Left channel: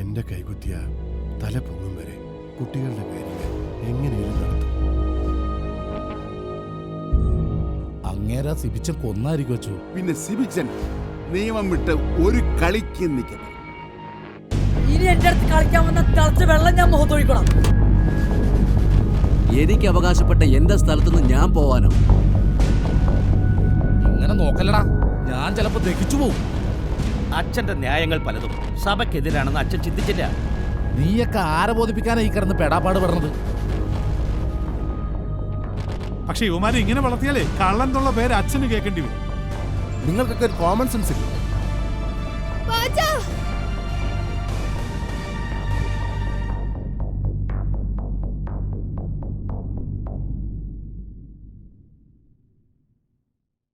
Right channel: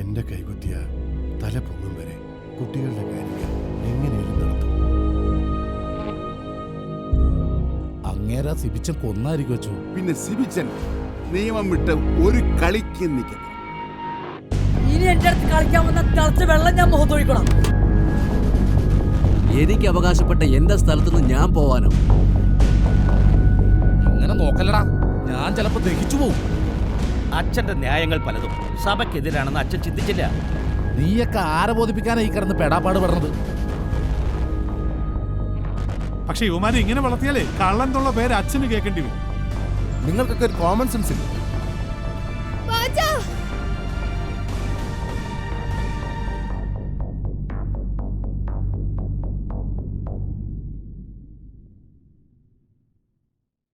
എന്റെ കൈകുത്തിയ തല പൊങ്ങും വരെ കുട്ടികളുടെ കാര്യങ്ങൾ എങ്ങനെയും നടത്തും. അങ്ങേരാ സിബിച്ചൻ കൊന്നായിരിക്കും വെച്ചു. പിന്നെ സിബിച്ചൻ നിയമം വിട്ട് ഒരു കളിക്ക് നിൽക്കണം. ഇനി എന്റെ അടുത്ത് കളിക്കാൻ വന്ന തിളച്ച വെള്ളം ഞാൻ മുഖത്തൊഴിക്കണം. എനിക്ക് അവകാശപ്പെട്ട എന്റെ സ്ഥലത്തുനിന്ന് ഞാൻ പോവാനോ? ഇങ്ങനെ നോക്കല്ലടാ, ഞാൻ ചിലപ്പോ ദഹിച്ചു പോവും. അച്ഛന്റെ ന്യായങ്ങൾ പലതും സഭയ്ക്കെതിരാണെന്ന് അച്ഛൻ ചിന്തിച്ചില്ല. നീയൊക്കെ ആരെ ബോധിപ്പിക്കാനാ ഈ കിടന്ന് പെടാപ്പാട് പെടണത്? പക്ഷെ യുവമാരെ ഇങ്ങനെ വളർത്തിയാലേ കള്ളൻ എന്നുള്ള പേര് അച്ഛന് കേൾക്കേണ്ടി വരും. നിങ്ങൾക്കൊക്കെ ഒരു കോമൺ സെൻസ് ഇല്ല.